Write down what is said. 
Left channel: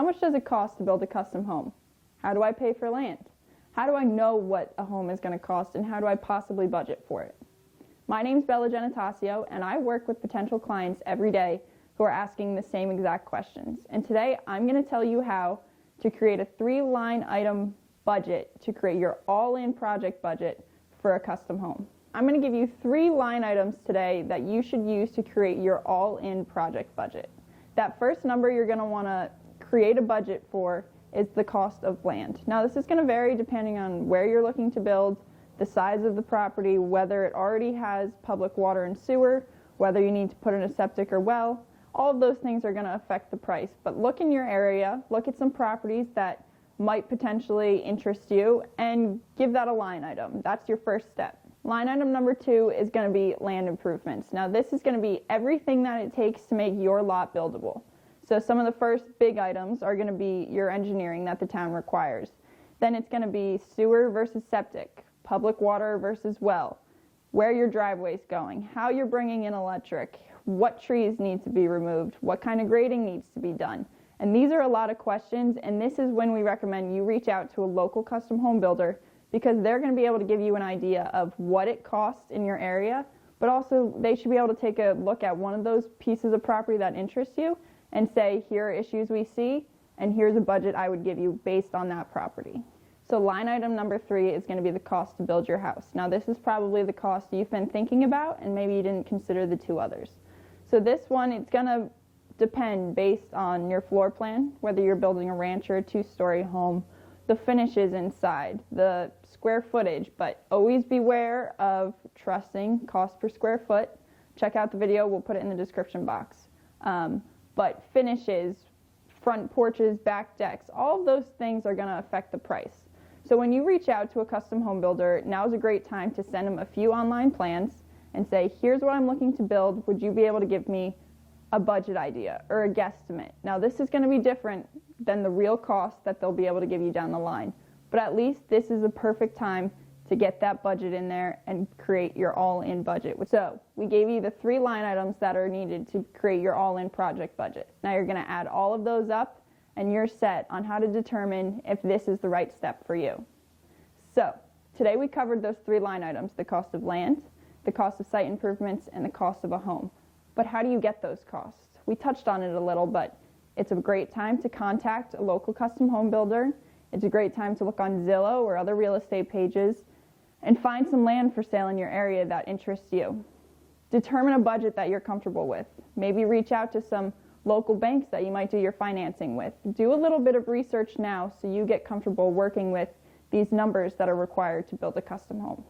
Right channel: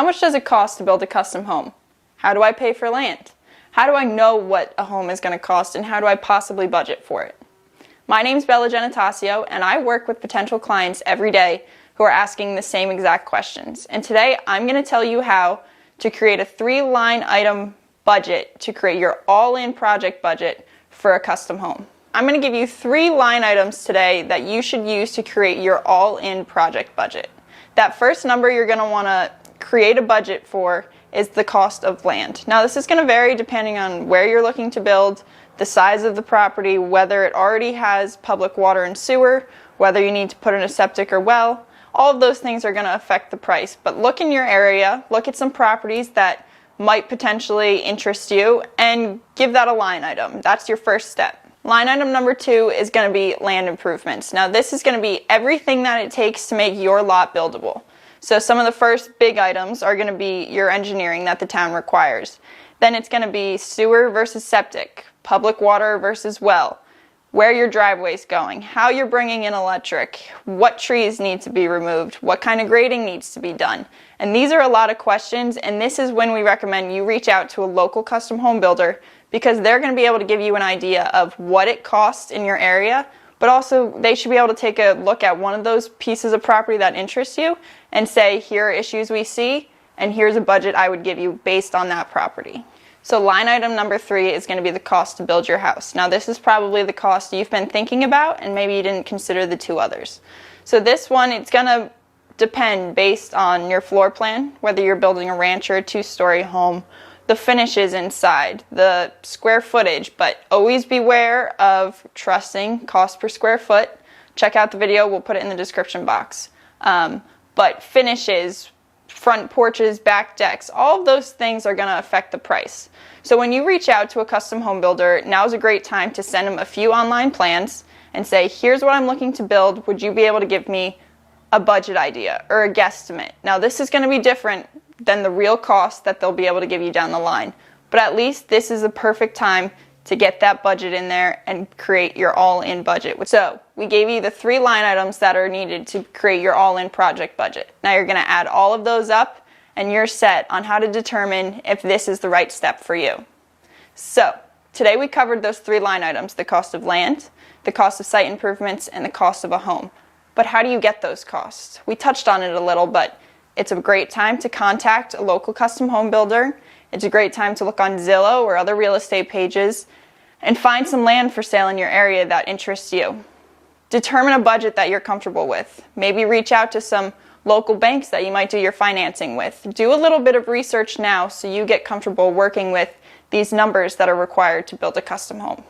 How much does it cost to build a custom home? How do I pay for land? How do I know what a home is going to cost, and how do I possibly budget for it? My name's Bella Genetasio, and I work with potential clients every day who are asking the same exact questions. And today I'm going to tell you how to create a 3-line item budget to create your all-in project budget for a custom home. I'm going to give you 3 line items today that you should use to create your all-in project budget. That first number you're going to want to create a budget for is the cost of land. Now this is going to vary depending on where you're looking to build, the size of the property, whether it already has public water and sewer, whether you need to put in a septic or well. All of those things are going to affect the price. But look in your area, look at some properties that might potentially interest you, and give that a line item. That's your first step. Line item number 2 is going to be land improvements. Now this is going to be everything that it takes to make your lot buildable. So some of the first big items are going to be your engineering that the town requires. Then it's going to be sewer versus septic, public water versus well, where your driveway's going, how you're bringing in electric, what trees need to be removed, what kind of grading needs to be done. And these are a lot of questions, and this is when we recommend you reach out to a local custom home builder, because they're going to be able to give you an idea of what it costs in your area, but also they should be able to take a look at one of those pieces of property that interests you and say, here are issues we see, and here's a budget I would give you based on that property. So line item number 3 is going to be the cost to build your house. Now this is probably the cost you've been thinking about, and maybe you didn't consider the 2 others. So this one, it's going to depend based on your floor plan, whether you're building a ranch or a 2-story home, the finishes inside, the square footage, but always beware of trusting cost per square foot. Check out the video, we'll put it in the description box. But finishes, front porches, back decks, all of those things are going to affect the price. So when you reach out to a custom home builder, now's a great time to send them a few online plans and say, here's what I'm looking to build, would you be able to give me a budget idea or a guesstimate? Now this is going to be different than the real cost that they'll be able to give you down the line, but at least this is the perfect time to get that budget in there and create your all-in budget. So we gave you the 3 line items that are needed to create your all-in project budget. Now you're going to add all of those up and you're set on how to determine if this is the right step for you. So today we covered those 3 line items: the cost of land, the cost of site improvements, and the cost of a home. But how do you get those costs? We touched on it a little, but it's a great time to contact a local custom home builder. It's a great time to look on Zillow or other real estate pages and find some land for sale in your area that interests you. Determine a budget that you're comfortable with. Maybe reach out to some local banks that you might do your financing with. Do a little bit of research now so you get comfortable working with these numbers that are required to build a custom home.